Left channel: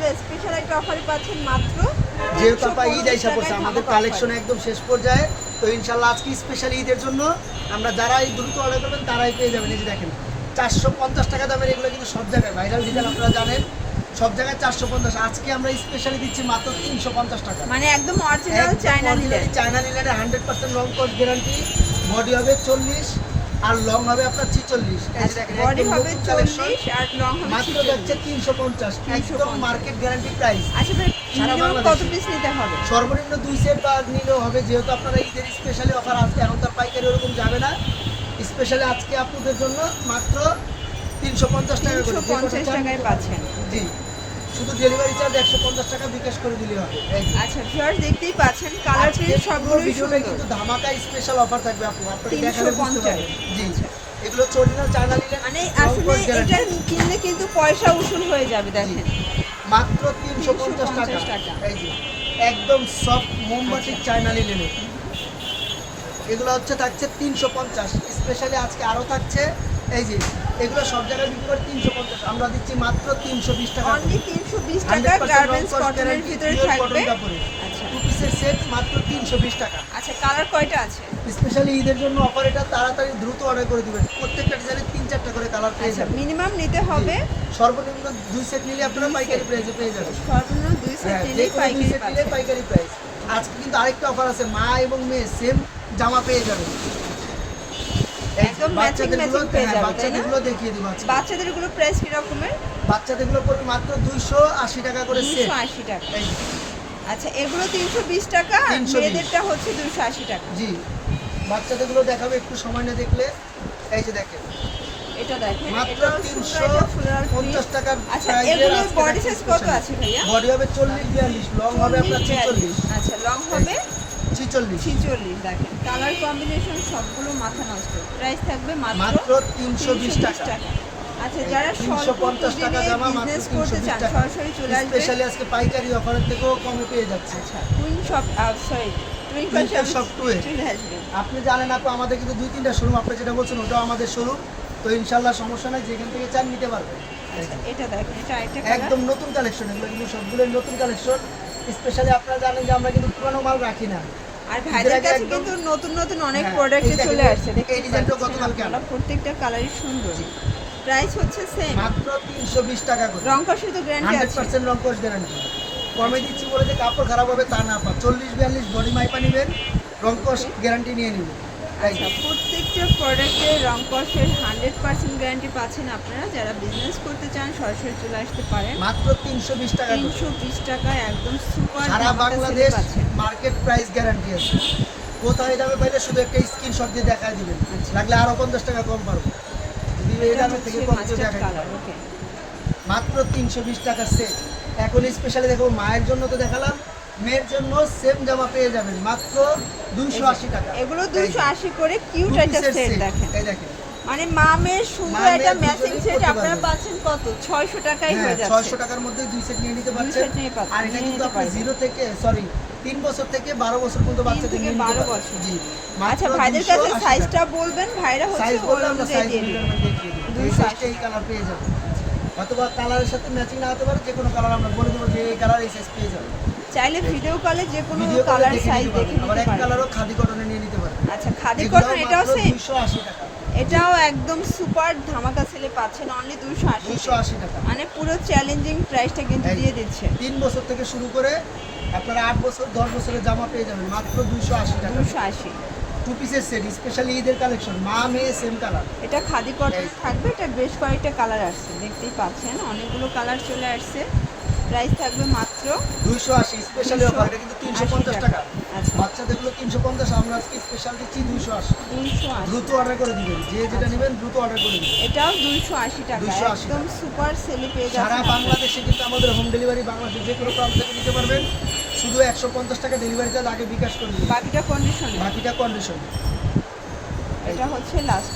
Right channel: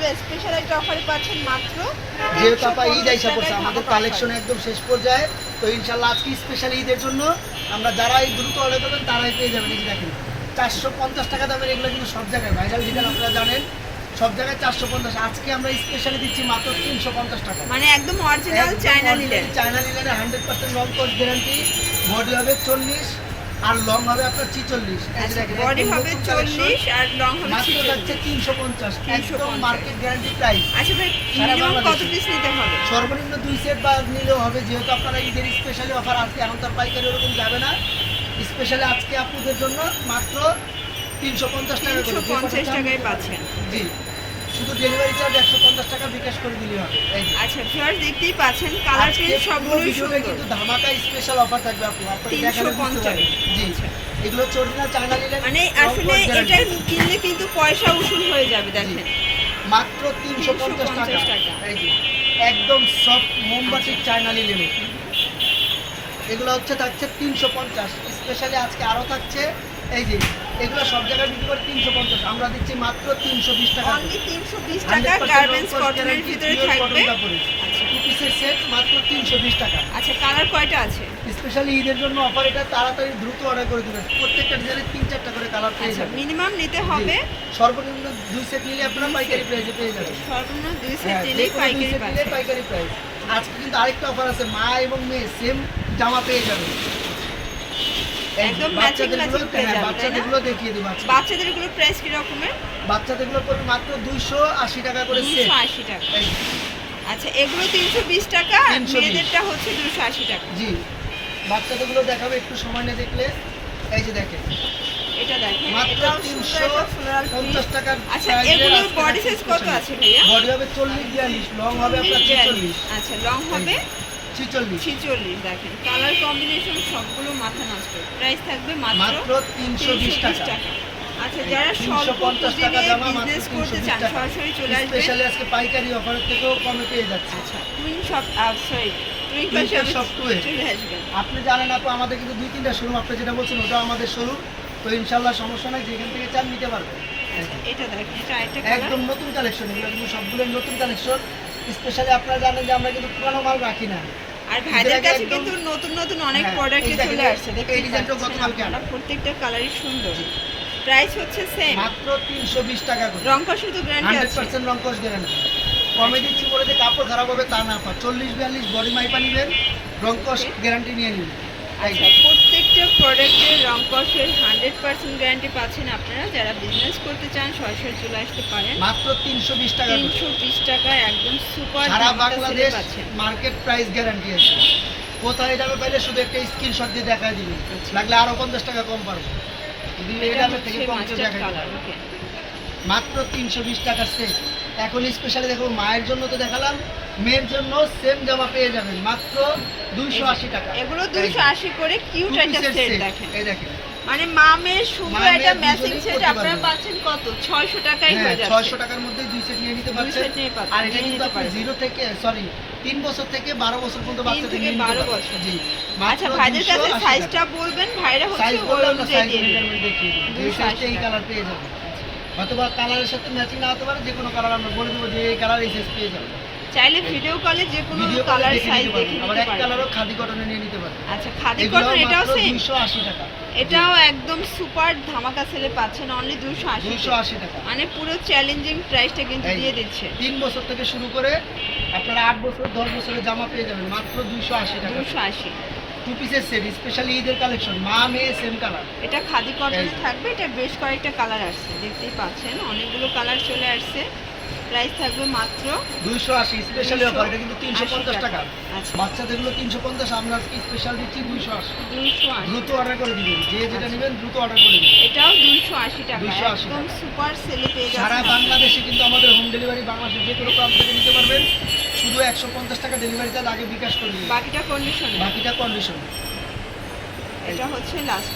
এগুলো স্পেশাল একটা অফার পাচ্ছেন মাত্র যেহেতু আপা ঈদ আইসা পড়ছে আমাদের কালেকশন একদম শেষ পর্যায়ে। তো ইনশাল্লাহ আজকে স্পেশাল ঈদের জন্য আমরা যারাই দ্রুত অর্ডার করবেন তারাই পেয়ে যাবেন। এই দেখেন চারশো পঞ্চাশ টাকা দামের এগুলো কিন্তু সব জায়গায় ভাইরাল ডিজাইন আপনারা জানেন সব জায়গায় চারশো পঞ্চাশ। আজকে আমরা স্পেশালি দিচ্ছি মাত্র তিনশো পঞ্চাশ টাকা। মানে একদম অরিজিনাল চায়না নিলেন। China hundred percent long course guarantee body হবে চল্লিশ। আর লং হবে আপনার ছিচল্লিশ। বডি হবে চল্লিশ আর লং হবে মাত্র যাচ্ছে তিনশো পঞ্চাশ। একদম 350 মার্কেট গ্যারান্টি প্রাইস আচ্ছা ভাই সারা কত পিস নিতে হবে? সর্বনিম্ন দুই সেট বা নিলেও হবে যেহেতু আপনারা ঈদের স্পেশালি অফার আজকে এখন তার পাইকারি ওরকম যাবে না। স্পেশালি আজকে আপনাদের জন্য মাত্র তিনশো পঞ্চাশ টাকা করে। পঞ্চাশ টাকায় পাচ্ছেন। জি। শুধু ডেলিভারি চার্জ একশো পঞ্চাশ টাকা বিকাশ করে দিলে হবে। আচ্ছা ভিউয়ার্স দেখতেই পাচ্ছেন কালার প্রিন্ট পুরো ভিডিওটা কিন্তু ধামাকা স্পেশাল অফার থাকবে আপু আপনি দেখালে বুঝতে পারবেন। জি এগুলো চরিনা চায়না মানে আসলে এটা কিনলে কিন্তু পয়সা উসুল হয়ে যাবে দেখেন। মাত্র তিনশো পঞ্চাশ টাকা। এই যে। একদম সফট মোমবাতির চায়না লিলেন এগুলো হচ্ছে থাকছে তিনশো পঞ্চাশ। স্পেশালি আজকে আরও থাকছে এই যে এগুলো সব জায়গায় বিক্রি করে তিনশো পঞ্চাশ আমরা দিচ্ছি মাত্র তিনশো বিশ টাকা তিনশো বিশ টাকা কাপড়ে আচ্ছা। টু পিসের সেট মাত্র তিনশো বিশ টাকা। আচ্ছা কালার কয়টা আছে? স্পেশালি ঈদের জন্য অফার এটা তাড়াতাড়ি দ্রুত অর্ডার করে দিবেন। প্রত্যেকটা ডিজাইনে তিন চারটা করে কালার পেয়ে আচ্ছা যাবেন। মিনিমাম নিতে হবে। সর্বনিম্ন দুই সেট নিলে আপনারা পাইকারি। প্রাইসে পেয়ে যাবেন। সর্বনিম্ন দুই সেট হ্যাঁ, নিলে পাইকারি প্রাইস আজকে কিন্তু আরেকটা অফার আছে মা এবং মেয়ে সেম জামা পেয়ে যাবে এই যে একদম বাচ্চাদেরগুলো হ্যাঁ যাবে, তাই না? বাচ্চাদেরগুলো দেখিয়ে দেবো বাচ্চাদের এগুলো প্রাইস কি রকমের বাচ্চাদেরগুলো মাত্র দুইশো আশি টাকা করে সেট দুশো আশি টাকা। আচ্ছা এগুলো তিনশো বিশ টাকা মেয়েদেরটা হচ্ছে দুশো আশি টাকা। জি। বাচ্চাদেরগুলো দেখাবে একটু সময় নিয়ে দেখলে। এই যে দেখেন। এটা দেখেন মাত্র এটাও তিনশো সুন্দর একটা floral print। পঞ্চাশ টাকার আচ্ছা বডি সাইজ কত আছে ভাইয়া? বডি হবে চল্লিশ বিয়াল্লিশ লং হবে আপনার ছিচল্লিশ। আচ্ছা লং হবে ছিচল্লিশ। ছিচল্লিশ দেখেন। কালার কম্বিনেশন সবগুলো মাথা নষ্ট। প্রাইস থাকবে মাত্র মাত্র তিনশো বিশ টাকা। আচ্ছা যারা স্বল্প টাকা জামা বিজনেস করতে চান সরাসরি চলে আসবেন স্পেশালি আজকে পাইকারি অফারের থেকেও কমে পেয়ে যাচ্ছে। Twin shop sorry twin Twinkle shop two এ। চলে আসবেন আপনি জানেন আপু আমাদের কিন্তু দুই তিনটা শোরুম আপনি যেটা বলছেন ওটাও আমাদের শোরুম তো ইনশাল্লাহ সমস্যা নাই যেখান থেকে চান নিতে পারবেন। একদম নতুন কালেকশন এগুলো কিন্তু সবগুলো নতুন কালেকশন স্পেশালি আপনারা জানেন যে আমরা কিন্তু পুরানো মাল রাখি না। আর ভাইদের কাছে কিন্তু নতুন নতুন অনেক হ্যাঁ, প্রোডাক্ট চলে আসছে এই ডিজাইনটাও গতকালকে আনা। প্রত্যেকটা কালারই সুন্দর। প্রাইস হচ্ছে সেম মাত্র তিনশো বিশ টাকা করে। রং তো গ্যারান্টি আছে। পার্সেন্ট রং কোর্স গ্যারান্টি কমে দিচ্ছি বলে যে কাপড় খারাপ হবে তা না পা চল্লিশ বিয়াল্লিশ বডি মাইপা নেবেন রং গ্যারান্টি নিয়ে নেবেন। প্রত্যেকটা প্রোডাক্টের রং কষের হান্ড্রেড পার্সেন্ট গ্যারান্টি পাচ্ছেন আপনারা। যারা বিজনেস করতে চান সরাসরি চলে আসতে পারেন। মাত্র তিনশো বিশ টাকা তিনশো বিশ টাকায় একদম সুপার সারা বাংলাদেশ মার্কেট প্রাইস গ্যারান্টি আছে। কোথায় যাবে পাইলে শুধু একটা স্ক্রিনশট দিয়ে দেখায় দিবেন। লাগলে আরও পঞ্চাশ টাকা কম পারব। যদি এই দামের থেকে কম ওকে মাত্র তিনশো বিশ টাকা সেট এখন স্পেশালি দেখো মায়ের জন্য তো দেখালাম মেয়ের জন্য সেম জামা পেয়ে যাবেন মাত্র দুইশো আশি টাকা। এগুলো এই দুশো আশি করে কিউট একটা সেট দেখেন এই দেখেন। মানে মামের শুধু মা এটা ম্যাচিং সেট আপনারা পাচ্ছেন কত? ছয়শো টাকায় হ্যাঁ হয়ে যাচ্ছে। ছয়শো টাকার মধ্যে দুই সেট নিয়ে নিতে দুই পারছেন। আর এটা কিন্তু আপনি পারবেন। জিরো থেকে সরি তিন বছর থেকে বারো বছর পর্যন্ত বাচ্চাদের থেকে নিয়ে নিতে বারো পারবেন। বছর। জি আচ্ছা ভাইদের কাছে সাইজটা বলবেন ভাইরা হচ্ছে সাইজ বললে আমরা সাইজ। মেজারমেন্ট দেখিয়ে দেবো। এই 280 সাইজটা এই কালার পেয়ে যাবে অথবা কালারের সাথে ম্যাচিং না হতে পারে যে কোনো কালার আমরা বলে দেবো যে এই কালার এই সাইজ পেয়ে যাবে চাইলে ভিডিও কলে যে কোনো কালার সাইজ দেখে আবার এক কালারও খাদি কটনে নিয়ে নিতে পারবেন আচ্ছা খাদি কটন এটাও সেম দুইশো আশি টাকা। এটাও একদম সুপার ধামাকা সেলে পাচ্ছেন অনলি দুশো আশি দুইশো আশি টাকা। মানে পুরো চ্যালেঞ্জিং প্রাইসটা কিন্তু দিয়ে দিচ্ছে। তিন বছর থেকে শুরু করে আপনারা আট বছর দশ বছরের জামা পেয়ে যাবেন মাত্র দুইশো আশি টাকা। দুশো আশি। টু পিসের সেট স্পেশালি ঈদের কালেকশন মা মেয়ে সেম কালার এটা খাদি কটন থাকবে এটা বেশ কয়েকটা কালার আসছে দেখতেই পাচ্ছেন অনেকগুলো কালার চলে আসছে। প্রাইস থাকবে মাত্র দুইশো আশি স্পেশালি অফার এটা কিন্তু তিনশো পঞ্চাশ টাকা। আচ্ছা। বাচ্চাদেরগুলো তিনশো পঞ্চাশ আমরা আজকে স্পেশাল দিচ্ছি দুইশো আশি। দুইশো আশি। দ্রুত অর্ডার করে দিবেন যে যেটা নেবেন দ্রুত অর্ডার করে দিবেন। এটাও দুইশো আশি টাকা 280 একদম সুপার সেলে পেয়ে সারা বাংলাদেশে কিন্তু আমাদের হোম ডেলিভারি বাংলাদেশের যে কোনো প্রান্ত থেকে নিতে পারবেন। শুধু একশো পঞ্চাশ টাকা ডেলিভারি চার্জ আগে বিকাশ করে দিবেন। বাকিটা কন্ডিশন বাকিটা কন্ডিশন এটা হচ্ছে লাস্ট